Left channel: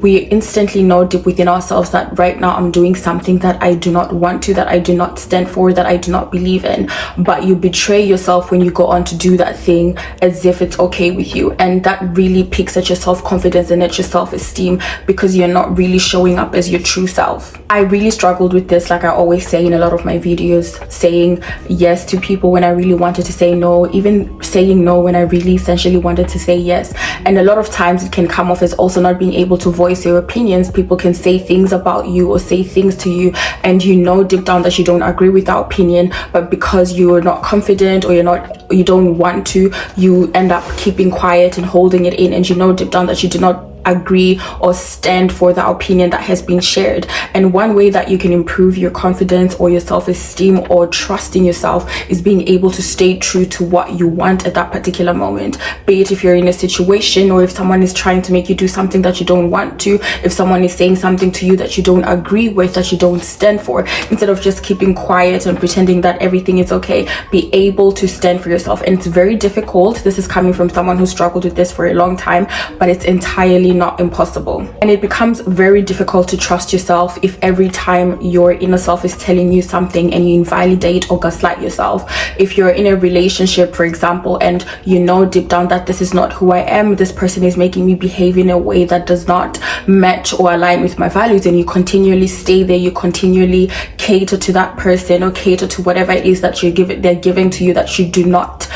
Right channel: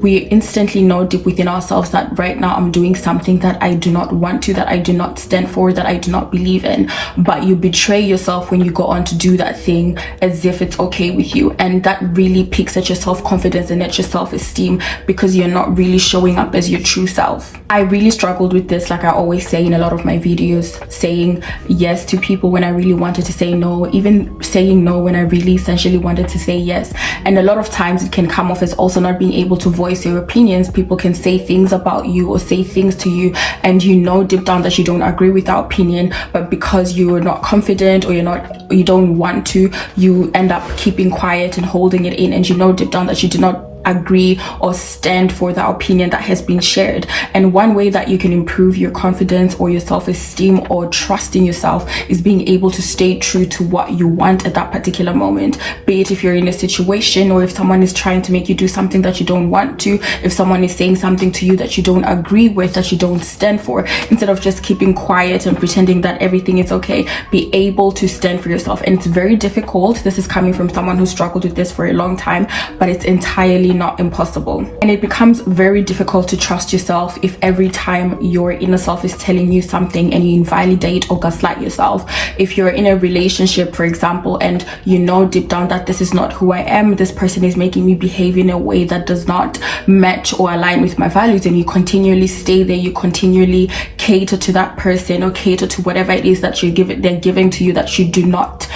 we instantly know deep within ourselves that right now I'm doing something that I do not want to, that I do not stand for, that I do not believe in. But you betray yourself when you go on to do that thing as if it's okay with you, and that really picks at your self-confidence and at your self-esteem, because you're not really showing up as your true self. I really struggled with this, like I always say in a lot of my videos, saying yes to people when I really wanted to say no, even saying no when I really essentially wanted to say yes. And a lot of times it can come off as also not being able to voice your opinions. People can say things about you or say things to you, and you know deep down that you don't agree with that opinion, but because you're not confident or you don't want to, you end up keeping quiet and holding it in, and you know deep down that you do not agree or stand for the opinion that has been shared. And one way that you can improve your confidence or your self-esteem or trust in yourself is being able to stay true to what you want at that particular moment. Be it if you're in a situation, or if someone is trying to make you do something that you don't want to, if someone is saying something to you that you don't agree with, that you don't stand for, instead of just keeping quiet and pretending that everything is okay, be able to stand for yourself. And it's very difficult. This is coming from someone who struggled with this for a long time, but it's entirely not impossible. And it becomes very difficult to trust yourself if every time your inner self is telling you something and you invalidate or gaslight yourself. If you're in a relationship, for example, and you know deep down that this is not who I am, this person is making me behave in a way that does not match or align with my values, and you continually stay there, you continually cater to that person or cater to whatever it is that they're giving to you that you do not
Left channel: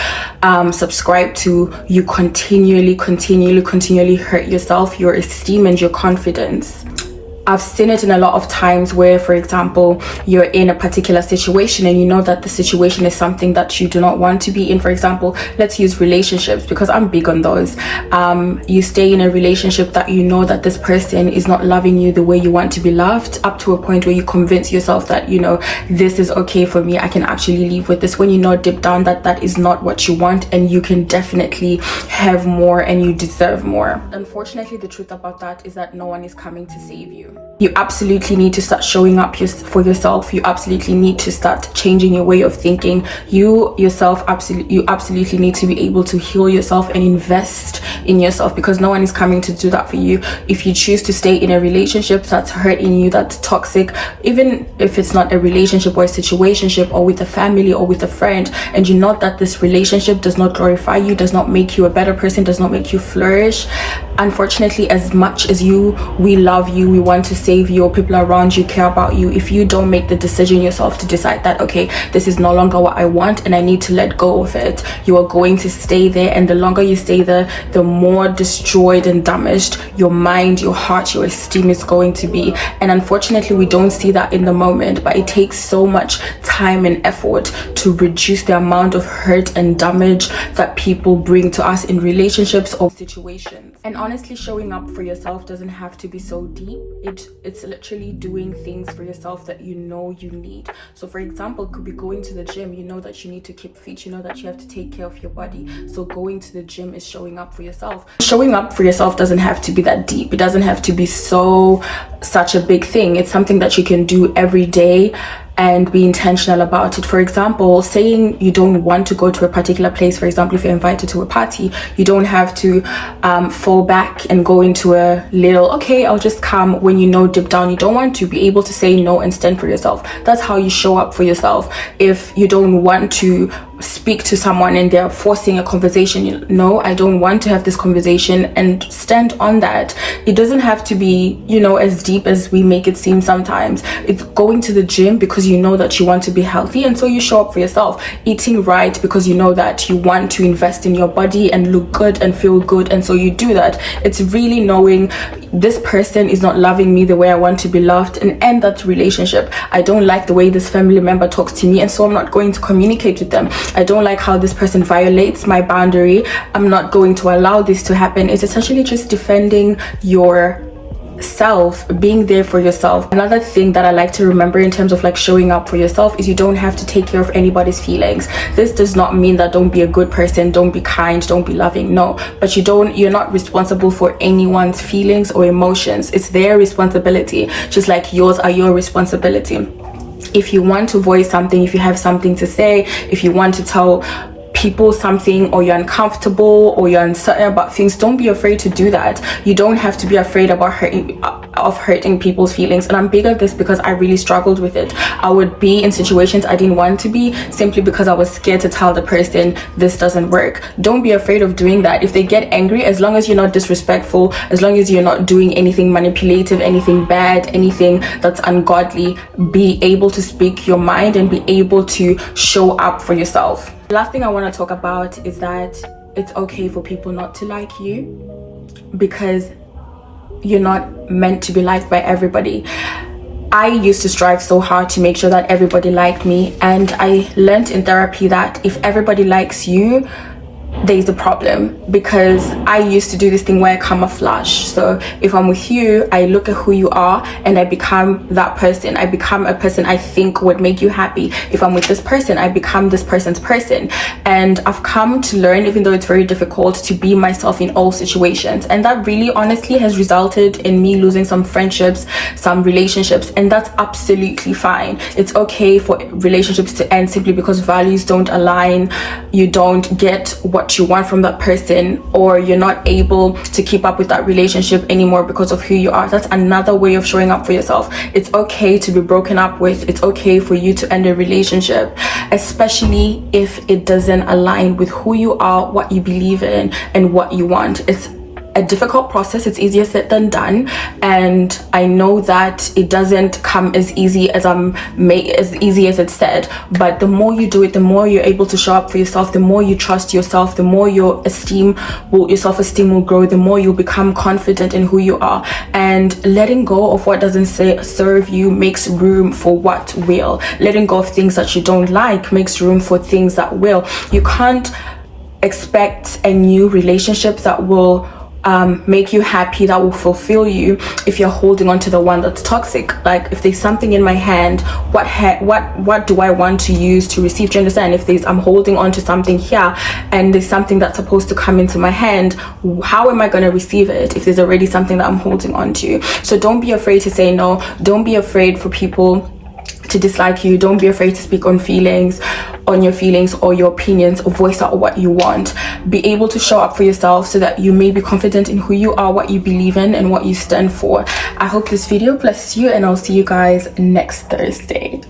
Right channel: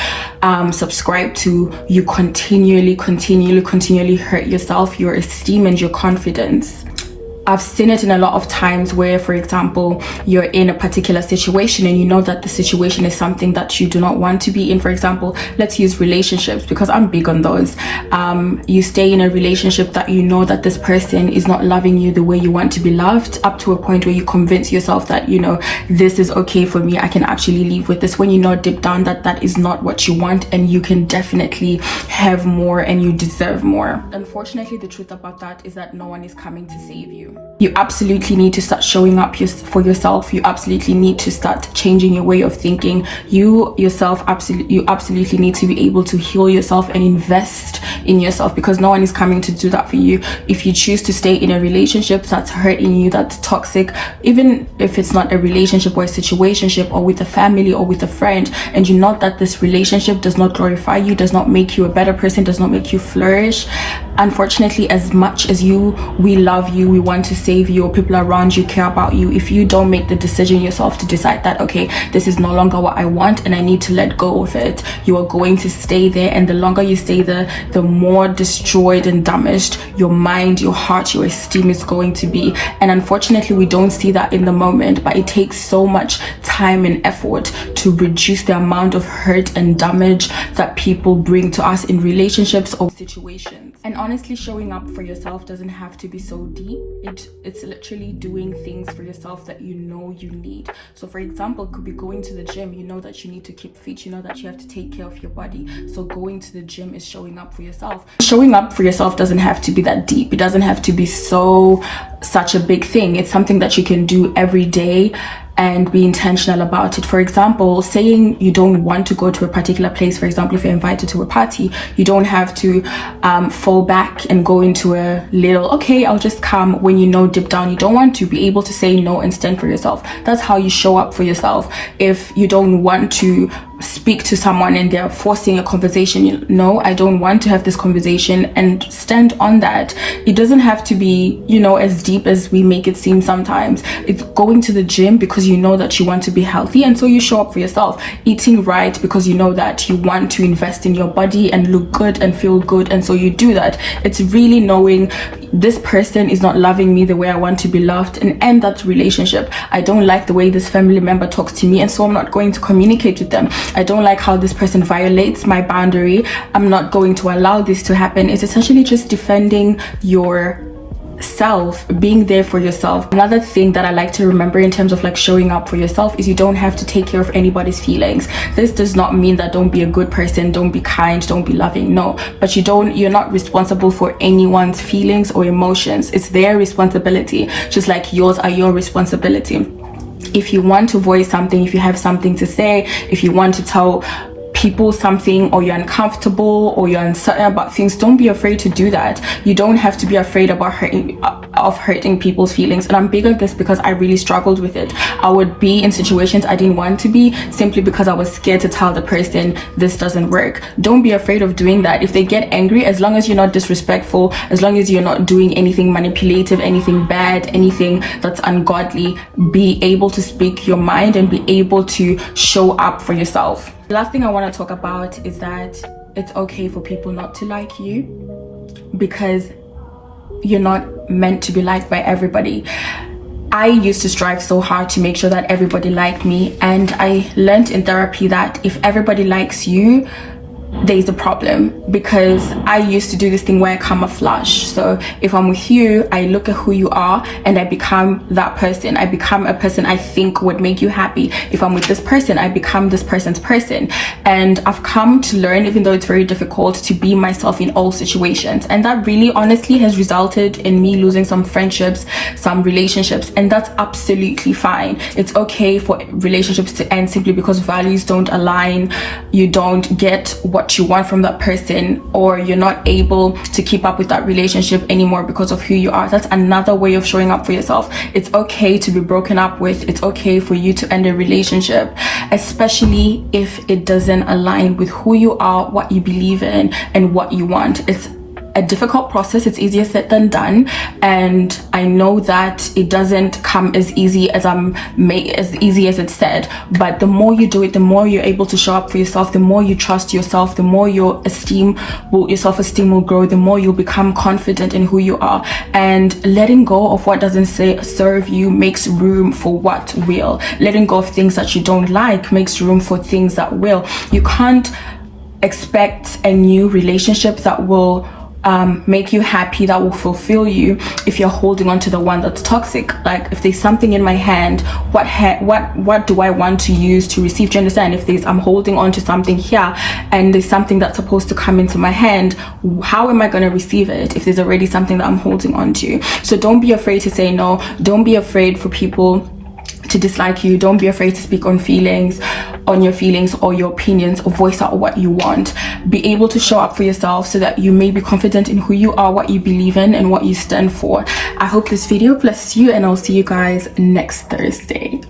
subscribe to, you continually hurt yourself, your esteem and your confidence. I've seen it in a lot of times where, for example, you're in a particular situation and you know that the situation is something that you do not want to be in. For example, let's use relationships, because I'm big on those. You stay in a relationship that you know that this person is not loving you the way you want to be loved, up to a point where you convince yourself that, you know, this is okay for me, I can actually live with this, when you know deep down that that is not what you want, and you can definitely have more and you deserve more. Unfortunately, the truth about that is that no one is coming to save you. You absolutely need to start showing up for yourself. You absolutely need to start changing your way of thinking. You absolutely need to be able to heal yourself and invest in yourself, because no one is coming to do that for you. If you choose to stay in a relationship that's hurting you, that's toxic, even if it's not a relationship or a situationship, or with a family or with a friend, and you know that this relationship does not glorify you, does not make you a better person, does not make you flourish, unfortunately, as much as we love you, we want to save you, or people around you care about you, if you don't make the decision yourself to decide that, okay, this is no longer what I want and I need to let go of it, you are going to stay there. And the longer you stay there, the more destroyed and damaged your mind, your heart, your esteem is going to be. And unfortunately, we don't see that in the moment, but it takes so much time and effort to reduce the amount of hurt and damage that people bring to us in relationships or situations. And honestly, showing up for yourself doesn't have to be so deep. It's literally doing things for yourself that you know you need. So for example, it could be going to the gym. You know that you need to keep fit, you know that you have to take care of your body, so going to the gym is showing up for yourself. Showing up for yourself doesn't have to be that deep. It doesn't have to be such a big thing. It's something that you can do every day and be intentional about it. For example, saying you don't want to go to a particular place. For example, if you're invited to a party, you don't have to fall back and go into a little, okay, I'll just come, when you know deep down you don't want to. Be able to say no and stand for yourself. That's how you show up for yourself. If you don't want to speak to someone and they're forcing a conversation, no, I don't want to have this conversation, and stand on that. It doesn't have to be, you know, as deep as we make it seem sometimes. It's going to the gym because you know that you want to be healthy, and so you show up for yourself. Eating right because you know that you want to invest in your body and look good and feel good, and so you do that. It's really knowing this person is not loving me the way I want to be loved, and end that relationship. I don't like the way this family member talks to me, and so I'm not going to communicate with them. I don't like how this person violates my boundary. I'm not going to allow this to happen. It's essentially just defending your self, being there for yourself. Another thing that I like to remember in terms of like showing up for yourself is you don't have to take care of anybody's feelings. This does not mean that don't be a good person, don't be kind, don't be loving. No, but you're not responsible for anyone's feelings or emotions. It's their responsibility, just like yours are your responsibility. If you want to voice something, if you have something to say, if you want to tell people something, or you're uncomfortable, or you're uncertain about things, don't be afraid to do that. You don't have to be afraid about hurting people's feelings. And I'm big on this because I really struggled with it. I would be in situations I didn't want to be, simply because I was scared to tell the person this doesn't work. Don't be afraid of doing that. If they get angry, as long as you're not disrespectful, as long as you're not doing anything manipulative, anything bad, anything that's ungodly, be able to speak your mind and be able to show up for yourself. The last thing I want to talk about is that it's okay for people not to like you, because you're not meant to be liked by everybody. I used to strive so hard to make sure that everybody liked me, and I learned in therapy that if everybody likes you, there's a problem, because I used to do this thing where I camouflage. So if I'm with you, I look at who you are and I become that person. I become a person I think would make you happy. If I'm with this person, I become this person's person. And I've come to learn, even though it's very difficult, to be myself in all situations. And that really honestly has resulted in me losing some friendships, some relationships, and that's absolutely fine. It's okay for relationships to end simply because values don't align, you don't get what you want from that person, or you're not able to keep up with that relationship anymore because of who you are. That's another way of showing up for yourself. It's okay to be broken up with. It's okay for you to end a relationship, especially if it doesn't align with who you are, what you believe in, and what you want. It's a difficult process. It's easier said than done, and I know that it doesn't come as easy as it's said, but the more you do it, the more you're able to show up for yourself, the more you trust yourself, the more your self-esteem will grow, the more you'll become confident in who you are. And letting go of what doesn't serve you makes room for what will. Letting go of things that you don't like makes room for things that will. You can't expect a new relationship that will make you happy, that will fulfill you, if you're holding on to the one that's toxic. Like, if there's something in my hand, what do I want to use to receive? Do you understand? If I'm holding on to something here and there's something that's supposed to come into my hand, how am I going to receive it if there's already something that I'm holding on to? So don't be afraid to say no. Don't be afraid for people to dislike you. Don't be afraid to speak on your feelings or your opinions, or voice out what you want. Be able to show up for yourself so that you may be confident in who you are, what you believe in, and what you stand for. I hope this video blessed you, and I'll see you guys next Thursday.